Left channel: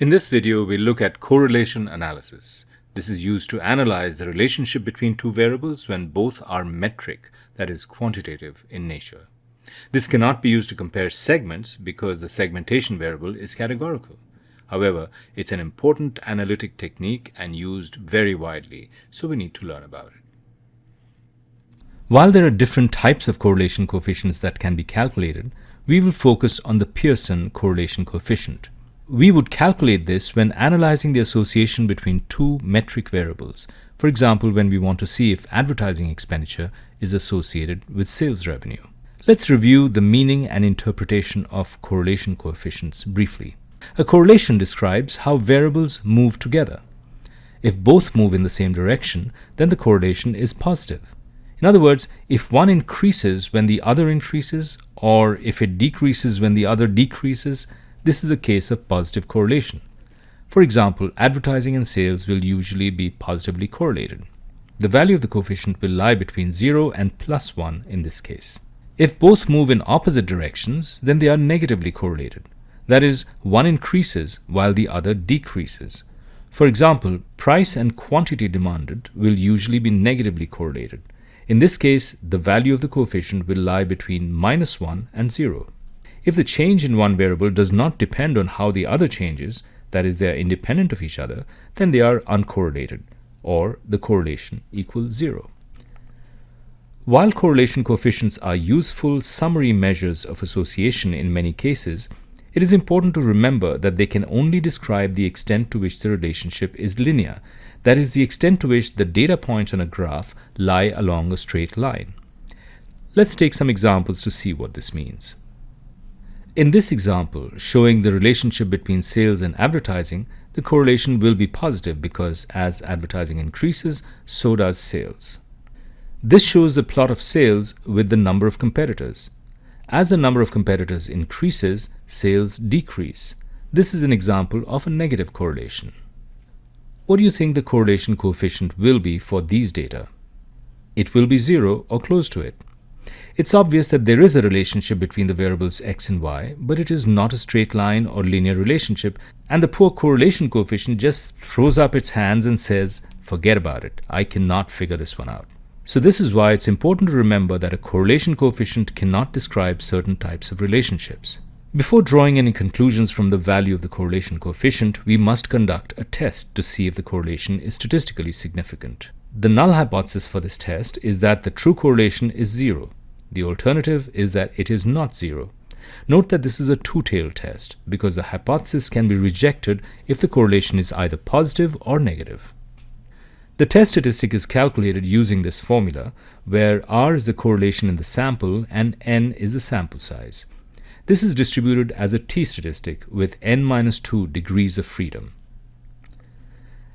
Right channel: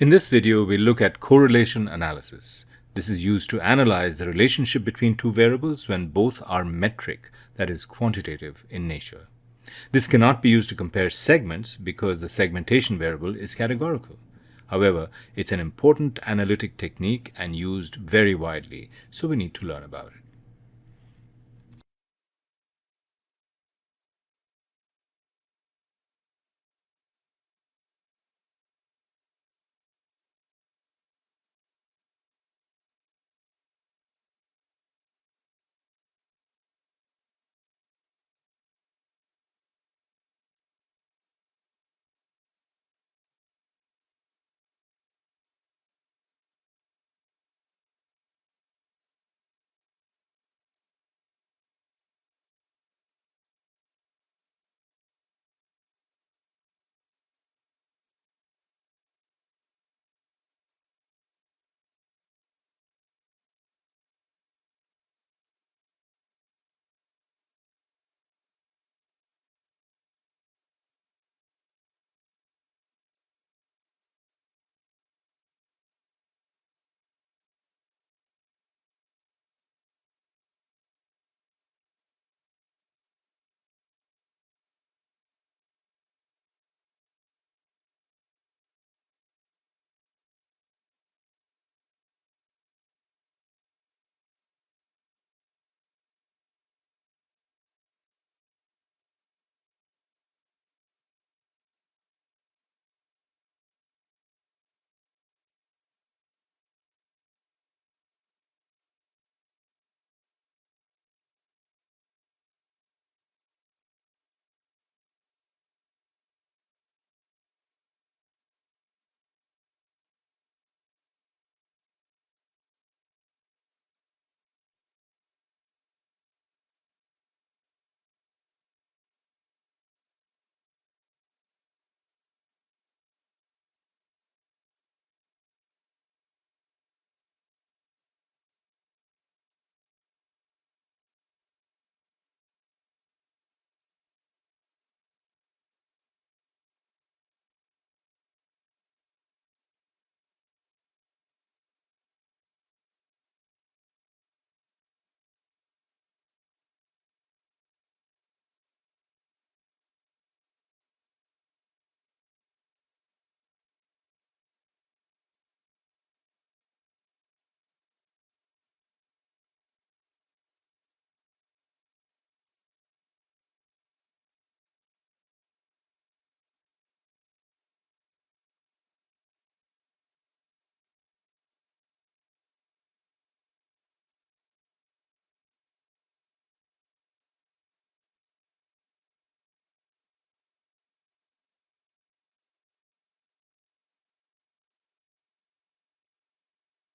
In this video, we'll look at correlation analysis. This is used to analyze the relationship between two variables when both are metric, that is, quantitative in nature. This cannot be used to compare segments because the segmentation variable is categorical. However, it's an important analytic technique and used very widely, so we need to learn about it. While there are different types of correlation coefficients that can be calculated, we will focus on the Pearson correlation coefficient. We would calculate this when analyzing the association between two metric variables. For example, when we want to see if advertising expenditure is associated with sales revenue. Let's review the meaning and interpretation of correlation coefficients briefly. A correlation describes how variables move together. If both move in the same direction, then the correlation is positive. In other words, if one increases when the other increases, or if it decreases when the other decreases, this is a case of positive correlation. For example, advertising and sales will usually be positively correlated. The value of the coefficient will lie between 0 and +1 in this case. If both move in opposite directions, then they are negatively correlated. That is, one increases while the other decreases. For example, price and quantity demanded will usually be negatively correlated. In this case, the value of the coefficient will lie between -1 and 0. If the change in one variable does not depend on how the other changes, that is, they are independent of each other, then they are uncorrelated, or the correlation equals 0. While correlation coefficients are useful summary measures of association in many cases, it is important to remember that they can only describe the extent to which the relationship is linear, that is, the extent to which the data points on a graph lie along a straight line. Let's take some examples to see what this means. In this example, showing the relationship between sales and advertising, the correlation will be positive because as advertising increases, so does sales. This shows the plot of sales with the number of competitors. As the number of competitors increases, sales decrease. This is an example of a negative correlation. What do you think the correlation coefficient will be for these data? It will be 0 or close to it. It's obvious that there is a relationship between the variables x and y, but it is not a straight line or linear relationship, and the poor correlation coefficient just throws up its hands and says, forget about it, I cannot figure this one out. So this is why it's important to remember that a correlation coefficient cannot describe certain types of relationships. Before drawing any conclusions from the value of the correlation coefficient, we must conduct a test to see if the correlation is statistically significant. The null hypothesis for this test is that the true correlation is 0. The alternative is that it is not 0. Note that this is a two-tailed test because the hypothesis can be rejected if the correlation is either positive or negative. The test statistic is calculated using this formula, where R is the correlation in the sample and N is the sample size. This is distributed as a t-statistic with n-2 degrees of freedom.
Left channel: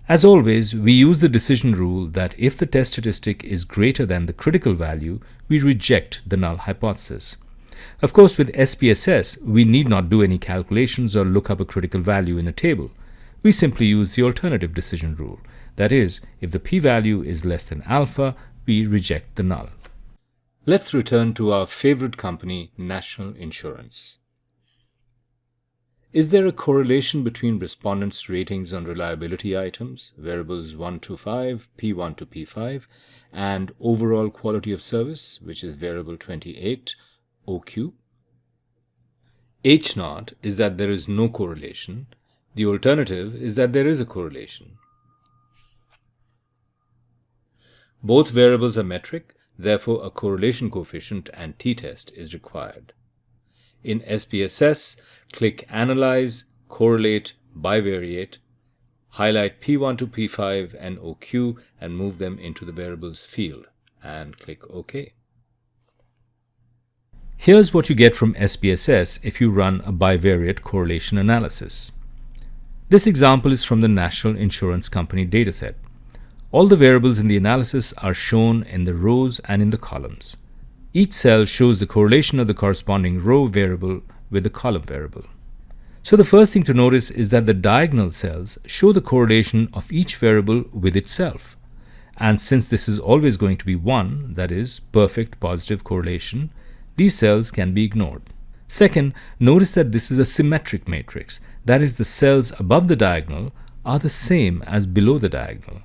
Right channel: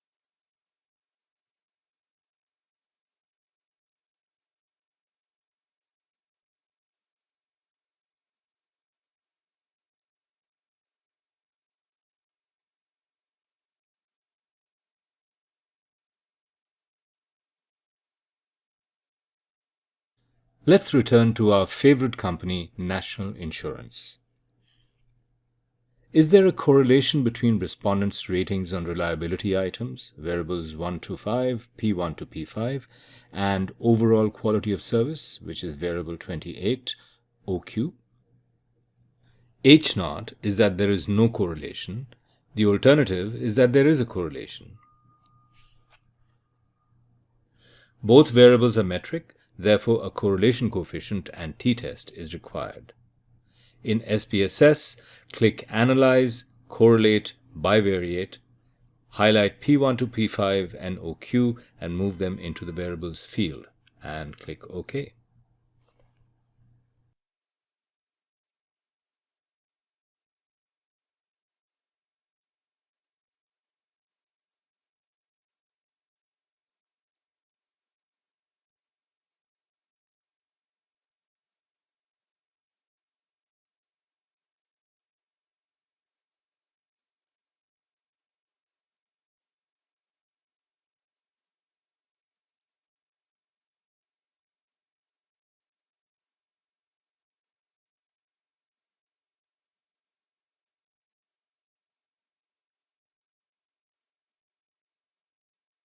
As always, we use the decision rule that if the test statistic is greater than the critical value, we reject the null hypothesis. Of course, with SPSS, we need not do any calculations or look up a critical value in a table. We simply use the alternative decision rule. That is, if the p-value is less than alpha, we reject the null. Let's return to our favorite company, National Insurance. Is there a correlation between respondents' ratings on reliability items, variables 1 to 5, P1 to P5, and overall quality of service, which is variable 28, OQ? H0 is that there is no correlation. The alternative is that there is a correlation. Both variables are metric, therefore a correlation coefficient and t-test is required. In SPSS, click Analyze, Correlate, Bivariate, highlight P1 to P5 and OQ and move them into the variables field, and click OK. Here's what you get from SPSS if you run a bivariate correlation analysis. This example is from the National Insurance Company dataset. All the variables in the analysis are shown in the rows and in the columns. Each cell shows the correlation of the corresponding row variable with the column variable. So the first thing to notice is that the diagonal cells show the correlation of each variable with itself. And since this is always going to be 1, that is, perfect positive correlation, these cells can be ignored. Second, notice that this is a symmetric matrix. That is, the cells above the diagonal are the same as below the diagonal.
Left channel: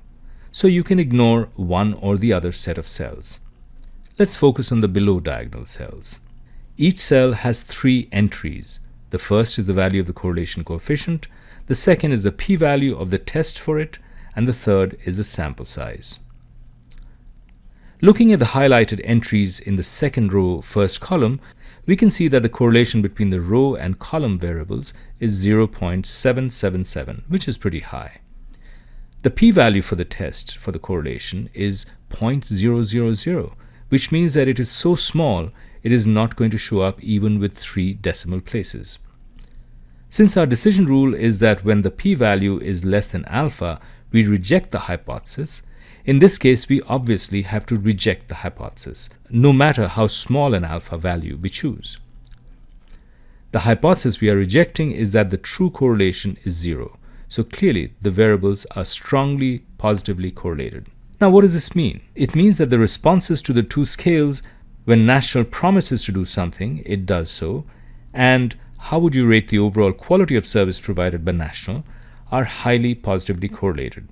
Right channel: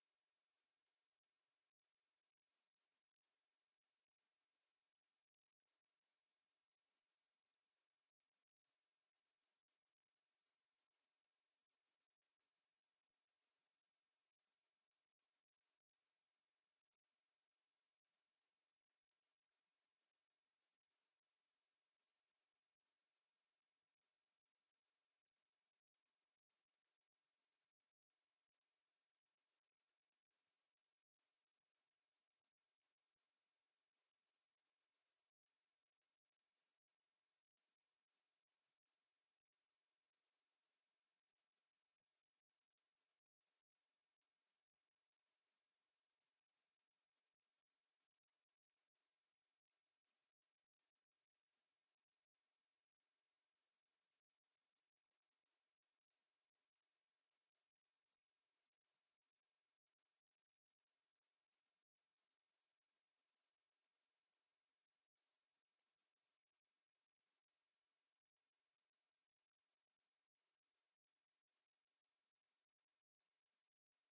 So you can ignore one or the other set of cells. Let's focus on the below diagonal cells. Each cell has 3 entries. The first is the value of the correlation coefficient, the second is the p-value of the test for it, and the third is the sample size. Looking at the highlighted entries in the second row, first column, we can see that the correlation between the row and column variables is 0.777, which is pretty high. The p-value for the test for the correlation is 0.000, which means that it is so small it is not going to show up even with 3 decimal places. Since our decision rule is that when the p-value is less than alpha, we reject the hypothesis, in this case we obviously have to reject the hypothesis, no matter how small an alpha value we choose. The hypothesis we are rejecting is that the true correlation is 0, so clearly the variables are strongly positively correlated. Now what does this mean? It means that the responses to the 2 scales, when National promises to do something, it does so, and how would you rate the overall quality of service provided by National, are highly positively correlated.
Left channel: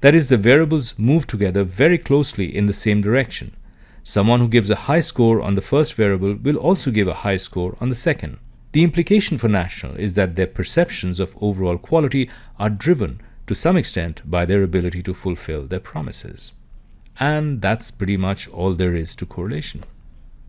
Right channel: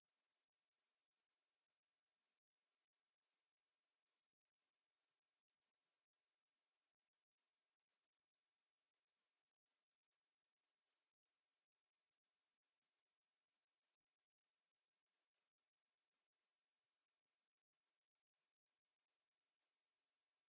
That is, the variables move together very closely in the same direction. Someone who gives a high score on the first variable will also give a high score on the second. The implication for National is that their perceptions of overall quality are driven to some extent by their ability to fulfill their promises. And that's pretty much all there is to correlation.